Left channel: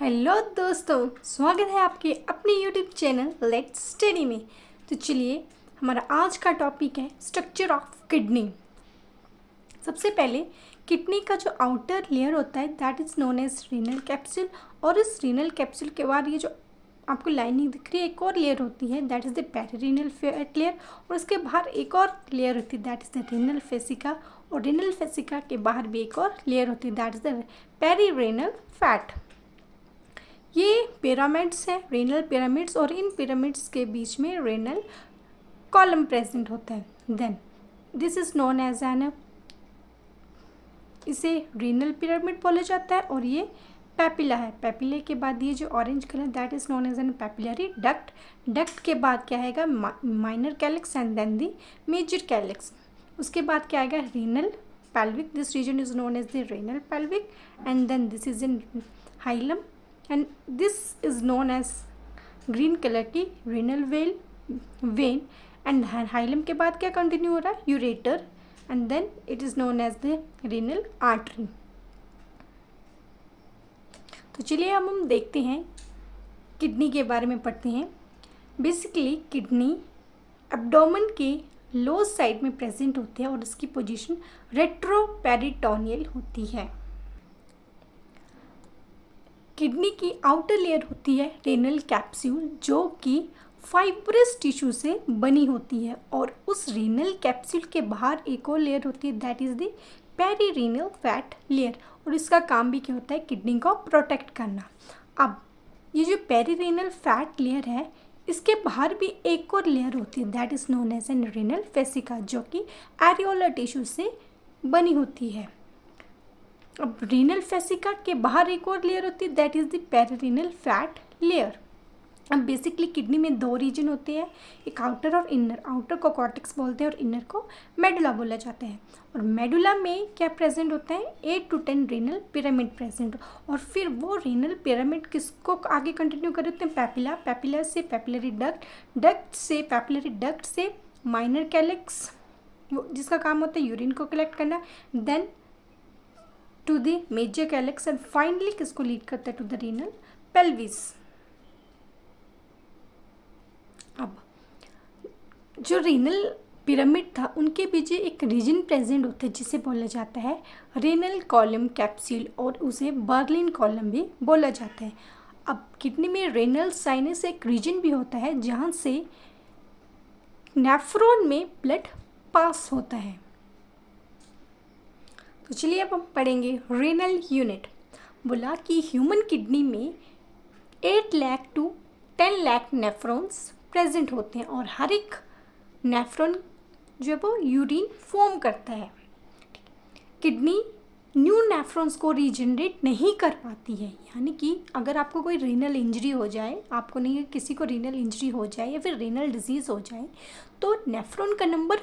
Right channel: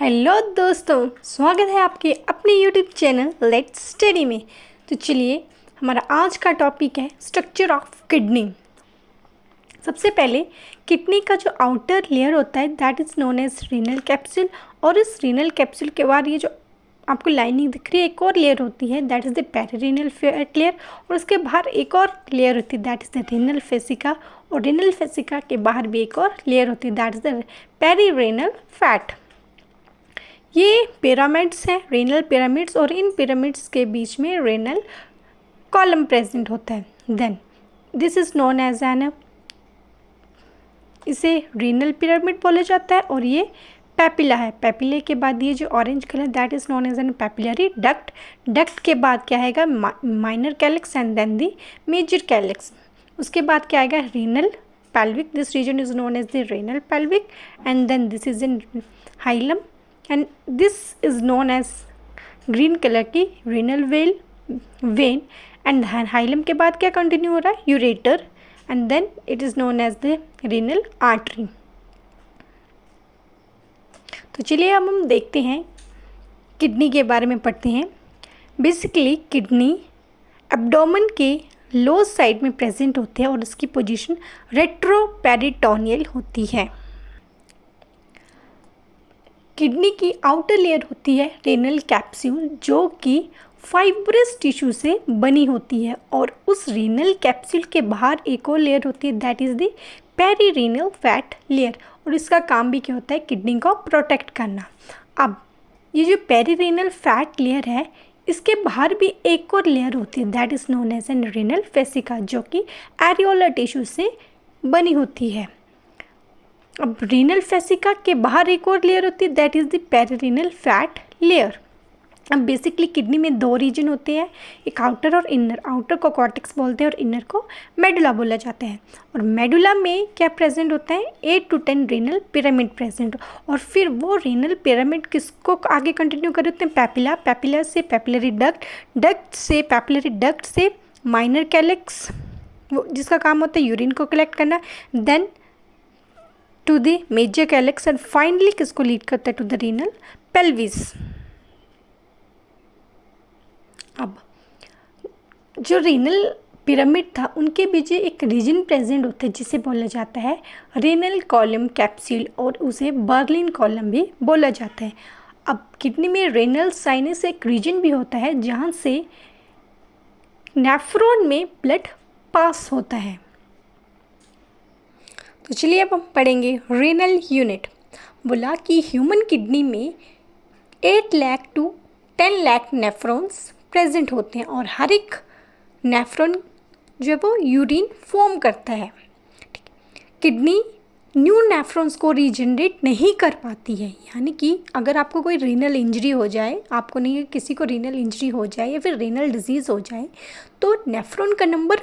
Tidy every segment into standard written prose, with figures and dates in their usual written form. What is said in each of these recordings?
Hello दोस्तों, स्वागत है आपके अपने यूट्यूब चैनल लेट्स स्टडी में। तो चलिए, हमारा आज का टॉपिक है स्ट्रक्चर ऑफ किडनी। सबसे पहले किडनी का जो आउटर लेयर होता है that is known as renal capsule, और इस रीनल कैप्सूल के बाद ये जो आपको लाइनिंग दिख रही है एक और लेयर होती है that is the perirenal fat layer, और उसके बाहर एक और लेयर होती है that is the renal fascia, और रीनल फेसिका के बाहर भी एक और लेयर होती है that is the perirenal fat. ये पिरामिड्स हैं, रेनल पिरामिड्स, और इन पिरामिड्स के बीच में रेनल कॉलम प्रेजेंट होता है। Then this is known as an, इसे रीनल पिरामिड बोला जाता है, और ये पैपिला है। पैपिले के बाद ये जो orange colour that is known as an papillary duct. Duct के बाद क्या आएगा? Minor calyx and then the major calyx. उसके बाद क्या आएगा? Renal pelvic. This region is known as the renal pelvic, and then this is in hilum, and this is known as green color की renal vein, and hilum के बाद क्या continue हो रहा है? ureter, and then it is known as the renal artery. तो चलिए हम देखते हैं किडनी के बारे में पढ़ते हैं। बेसिकली किडनी एब्डोमेन के लो साइड में प्रेजेंट होते हैं और इसकी पोजीशन रेट्रोपेरिटोनियल होती है। किडनी की आउटर लेयर होती है रेनल कैप्सूल, जो कि फाइब्रस टिश्यू से बनी होती है, और उस रेनल कैप्सूल के बाहर एक और लेयर होती है that is the perirenal fat layer, और इसका काम भी क्या होता है? किडनी को प्रोटेक्ट करना। अब ये जो पेरीरेनल फैट लेयर है इसके बाहर भी एक और लेयर होती है that is known as an renal fascia, जो कि एरियोलर टिश्यू से बनी होती है। अब रीनल फेसिका के बाहर एक और लेयर होती है that is the perirenal fat layer. अब बेसिकली किडनी में दो रीजन होते हैं, एक आउटर और इनर। आउटर को कॉर्टेक्स बोलते हैं और इनर को मेडुला बोला जाता है। और मेडुला में क्या प्रेजेंट होता है? 8 to 10 रीनल पिरामिड प्रेजेंट, और फिर वो रीनल पिरामिड किसको आगे कंटिन्यू कर देते हैं? पैपिला, पैपिला से पैपिलरी डक्ट, डक्ट से पैपिलरी डक्ट से माइनर कैलिक्स, वो जिसका काम होता है यूरिन को कलेक्ट करना, then to the major calyx, and finally किसको लीड करता है? To the renal pelvis. अब जो रीनल पिरामिड था उनके बीच एक रीजन प्रेजेंट होता है जिसे बोला जाता है रीनल कॉलम कैप्सूल, और उसे बर्लिन कॉलम भी बोला जाता है। अब किडनी में रेनल साइनस एक रीजन भी होता है जहाँ से नेफ्रॉन में ब्लड पास होता है। तो चलिए अब हम पढ़ेंगे रेनल यूनिट। बोला कि ह्यूमन किडनी में 8 lakh to 10 lakh nephrons present होते हैं, और हर एक नेफ्रॉन जो है वो यूरिन फॉर्म करता है। किडनी न्यू नेफ्रॉन्स को रीजनरेट नहीं कर पाती है, यानी कि अगर आपको कोई रीनल इंजरी हो जाए, आपको नहीं, किसी को रीनल इंजरी हो जाए या फिर रीनल डिजीज़ हो जाए, तो नेफ्रॉन का नंबर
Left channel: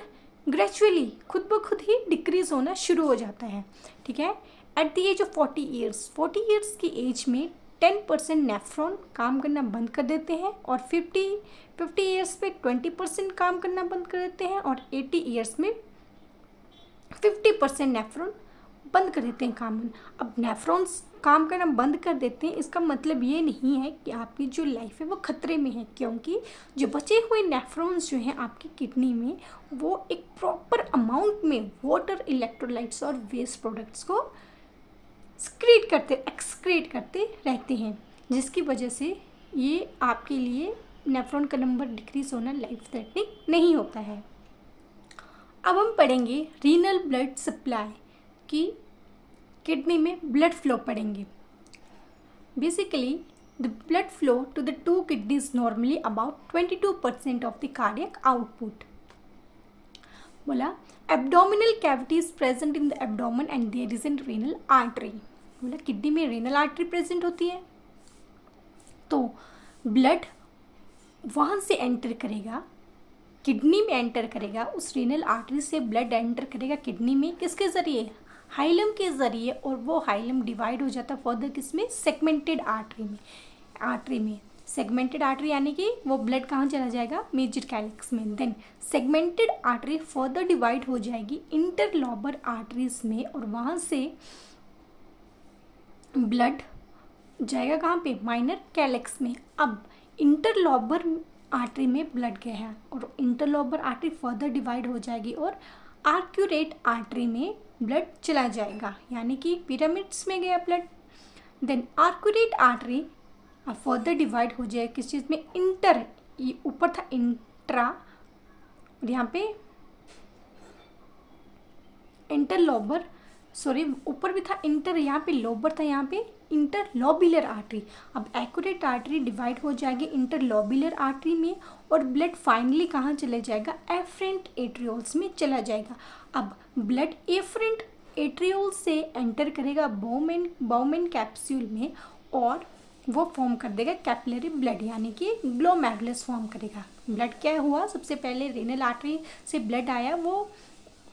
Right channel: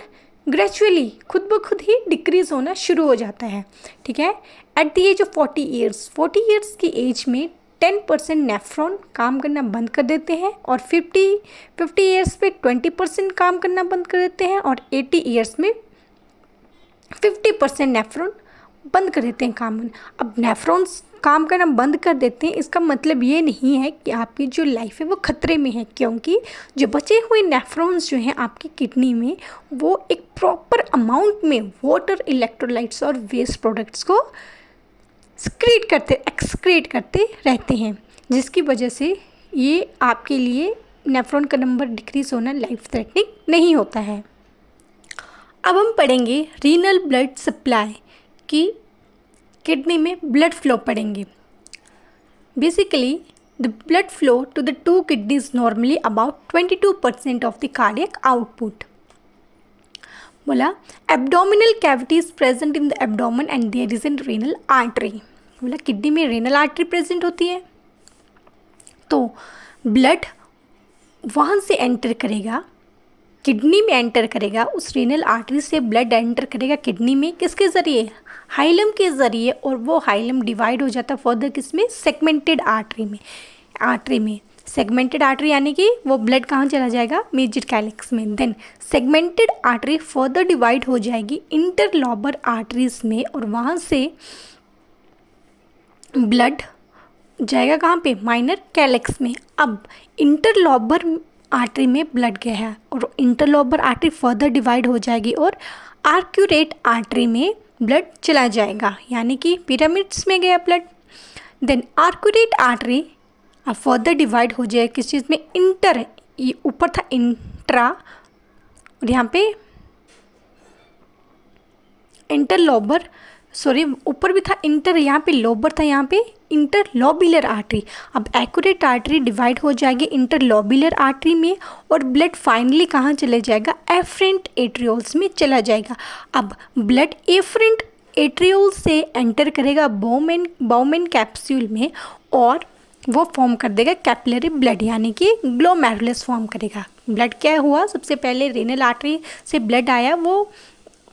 ग्रेजुअली खुद ब खुद ही डिक्रीज़ होना शुरू हो जाता है। ठीक है, at the age of 40 years की एज में 10% नेफ्रॉन काम करना बंद कर देते हैं, और 50 ईयर्स पे 20% काम करना बंद कर देते हैं, और 80 ईयर्स में 50% नेफ्रॉन बंद कर देते हैं काम। अब नेफ्रॉन्स काम करना बंद कर देते हैं, इसका मतलब ये नहीं है कि आपकी जो लाइफ है वो खतरे में है, क्योंकि जो बचे हुए नेफ्रॉन्स जो हैं आपकी किडनी में वो एक प्रॉपर अमाउंट में वाटर, इलेक्ट्रोलाइट्स और वेस्ट प्रोडक्ट्स को एक्सक्रीट करते रहते हैं, जिसकी वजह से ये आपके लिए नेफ्रॉन का नंबर डिक्रीज होना लाइफ थ्रेटनिंग नहीं होता है। अब हम पढ़ेंगे रीनल ब्लड सप्लाई की, किडनी में ब्लड फ्लो पढ़ेंगे। Basically the blood flow to the 2 kidneys normally about 22% of the cardiac output. बोला abdominal cavity is present in the abdomen and there is an renal artery. बोला kidney में renal artery present होती है, तो blood वहाँ से enter करेगा, kidney में एंटर करेगा, उस रीनल आर्टरी से ब्लड एंटर करेगा किडनी में, किसके ज़रिए? हाइलम के ज़रिए, और वो हाइलम डिवाइड हो जाता है फर्दर किसमें? सेगमेंटेड आर्टरी में। सेगमेंटेड आर्टरी यानी कि वो ब्लड कहाँ चला जाएगा? मेजर कैलिक्स में। Then segmented artery further divide हो जाएगी इंटरलोबर आर्टरीज में, और वहाँ से ब्लड जाएगा कहाँ पे, माइनर कैलेक्स में। अब इंटरलोबर आर्टरी में ब्लड गया है और इंटरलोबर आर्टरी फर्दर डिवाइड हो जाएगी और आर्क्यूरेट आर्टरी में ब्लड चला जाएगा, यानी कि पिरामिड्स में गया ब्लड। देन आर्क्यूरेट आर्टरी अब फर्दर डिवाइड हो जाएगा किस चीज़ में, इंटर, ये ऊपर था इंट्रा और यहाँ पे इंटरलोबर, सॉरी ऊपर भी था इंटर, यहाँ पे लोबर था, यहाँ पे इंटरलोबुलर आर्टरी। अब एक्यूरेट आर्टरी डिवाइड हो जाएगी इंटरलोबुलर आर्टरी में और ब्लड फाइनली कहाँ चले जाएगा, एफरेंट एट्रियोल्स में चला जाएगा। अब ब्लड एफरेंट एट्रियोल से एंटर करेगा बाउमेन कैप्सूल में और वो फॉर्म कर देगा कैपिलरी ब्लड, यानी कि ग्लोमेरुलस फॉर्म करेगा। ब्लड क्या हुआ, सबसे पहले रेनल आर्टरी से ब्लड आया, वो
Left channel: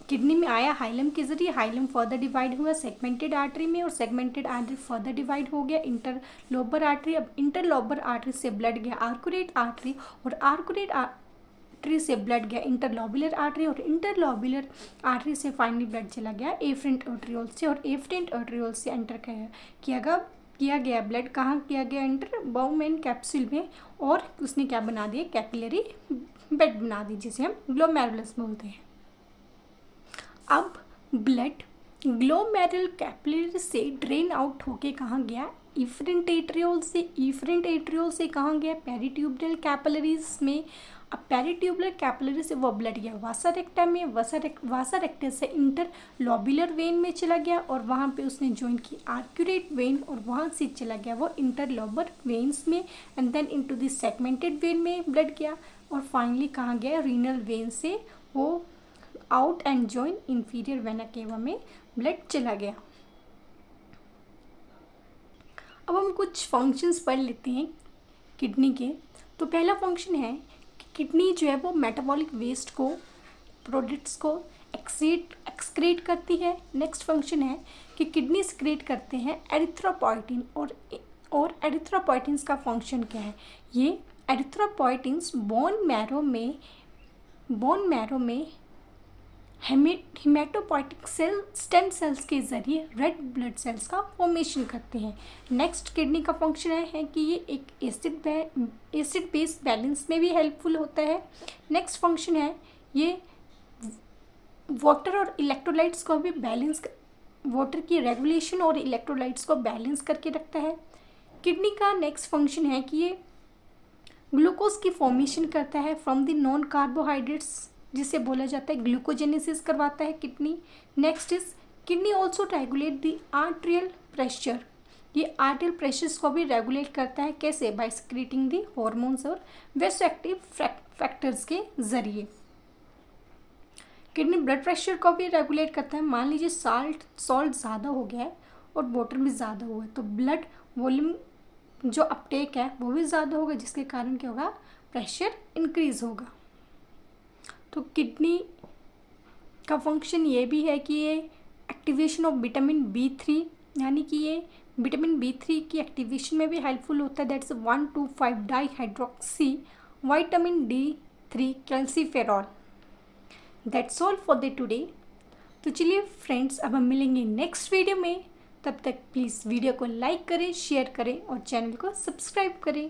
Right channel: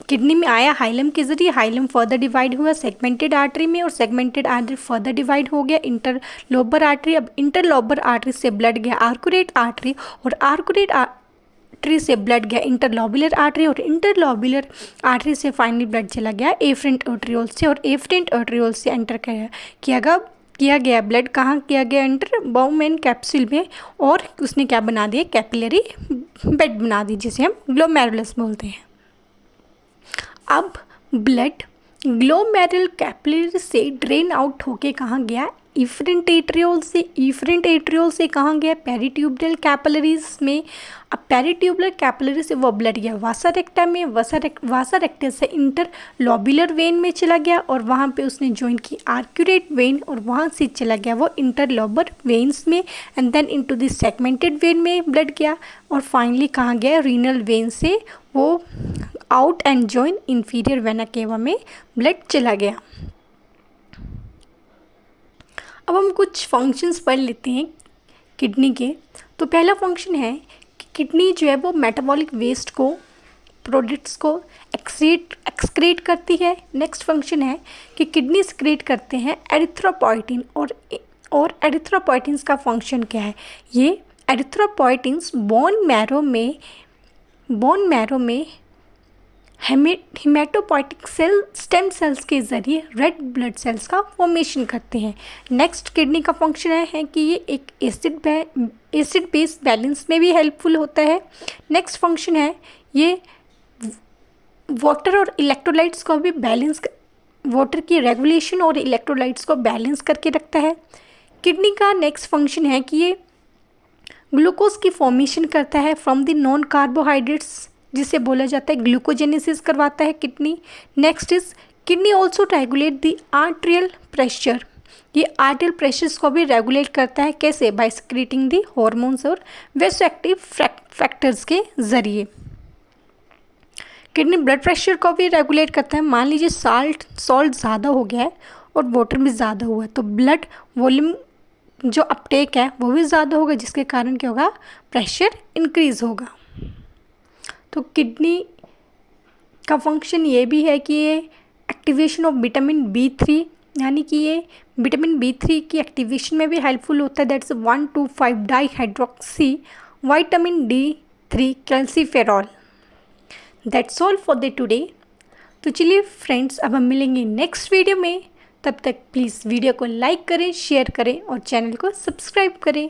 किडनी में आया हाइलम के जरिए, हाइलम फर्दर डिवाइड हुआ सेगमेंटेड आर्टरी में और सेगमेंटेड आर्टरी फर्दर डिवाइड हो गया इंटरलोबर आर्टरी। अब इंटरलोबर आर्टरी से ब्लड गया आर्क्यूरेट आर्टरी और आर्क्यूरेट आर्टरी से ब्लड गया इंटरलोबुलर आर्टरी और इंटरलोबुलर आर्टरी से फाइनली ब्लड चला गया एफरेंट आर्टरियोल से और एफरेंट आर्टरियोल से एंटर किया गया ब्लड कहाँ किया गया, इंटर बाउमेन कैप्सूल में और उसने क्या बना दिया, कैपिलरी बेड बना दी जिसे हम ग्लोमेरुलस बोलते हैं। अब ब्लड ग्लोमेरुलर कैपिलरी से ड्रेन आउट होके कहाँ गया, इफरेंट एट्रियोल से, इफरेंट एट्रियोल से कहाँ गया, पेरिट्यूबरल कैपिलरीज में। अब पेरिट्यूबरल कैपिलरी से वो ब्लड गया वासा रेक्टा में, वासा रेक्टा से इंटरलोबुलर वेन में चला गया और वहाँ पे उसने ज्वाइन की आर्क्यूरेट वेन और वहाँ से चला गया वो इंटरलोबर वेन्स में and then into the segmented vein में ब्लड गया और फाइनली कहाँ गया, रीनल वेन से वो out and join inferior vena cava में ब्लड चला गया। अब हम कुछ फंक्शंस पढ़ लेते हैं किडनी के। तो पहला फंक्शन है कि किडनी जो है वो मेटाबॉलिक वेस्ट को, प्रोडक्ट्स को एक्सक्रीट करती है। नेक्स्ट फंक्शन है कि किडनी एक्सक्रीट करते हैं एरिथ्रोपोइटिन और एरिथ्रोपोइटिन्स का फंक्शन क्या है, ये एरिथ्रोपोइटिन्स बोन मैरो में हेमेटोपोइटिक स्टेम सेल्स के ज़रिए रेड ब्लड सेल्स का फॉर्मेशन करते हैं। नेक्स्ट किडनी का फंक्शन है कि ये एक एसिड बेस बैलेंस में भी हेल्पफुल होता है। नेक्स्ट फंक्शन है ये वाटर और इलेक्ट्रोलाइट्स को भी वाटर की रेगुलेशन और इलेक्ट्रोलाइट्स को बैलेंस करके रखता है। किडनी का नेक्स्ट फंक्शन है कि ये ग्लूकोज की फॉर्मेशन करता है फ्रॉम द नॉन कार्बोहाइड्रेट्स, जिसे बोला जाता है ग्लूकोजेनेसिस करवाता है kidney. Next is kidney also regulate the arterial pressure, ये आर्टेरियल प्रेशर्स को भी रेगुलेट करता है, कैसे, बाय सिक्रीटिंग द हॉर्मोन्स और वेसो एक्टिव फैक्टर्स के जरिए। किडनी ब्लड प्रेशर को भी रेगुलेट करता है। मान लीजिए सॉल्ट ज़्यादा हो गया है और वाटर भी ज़्यादा हुआ है तो ब्लड वॉल्यूम जो अपटेक है वो भी ज़्यादा होगा, जिसके कारण क्या होगा, प्रेशर इंक्रीज होगा। तो किडनी का फंक्शन ये भी है कि ये एक्टिवेशन ऑफ विटामिन B3, यानी कि ये विटामिन B3 की एक्टिवेशन में भी हेल्पफुल होता है। That's 1,2,5 dihydroxy vitamin D3 calciferol. That's all for the today. तो चलिए फ्रेंड्स, अब हम मिलेंगे नेक्स्ट वीडियो में। तब तक प्लीज़ वीडियो को लाइक करें, शेयर करें और चैनल को सब्सक्राइब करें।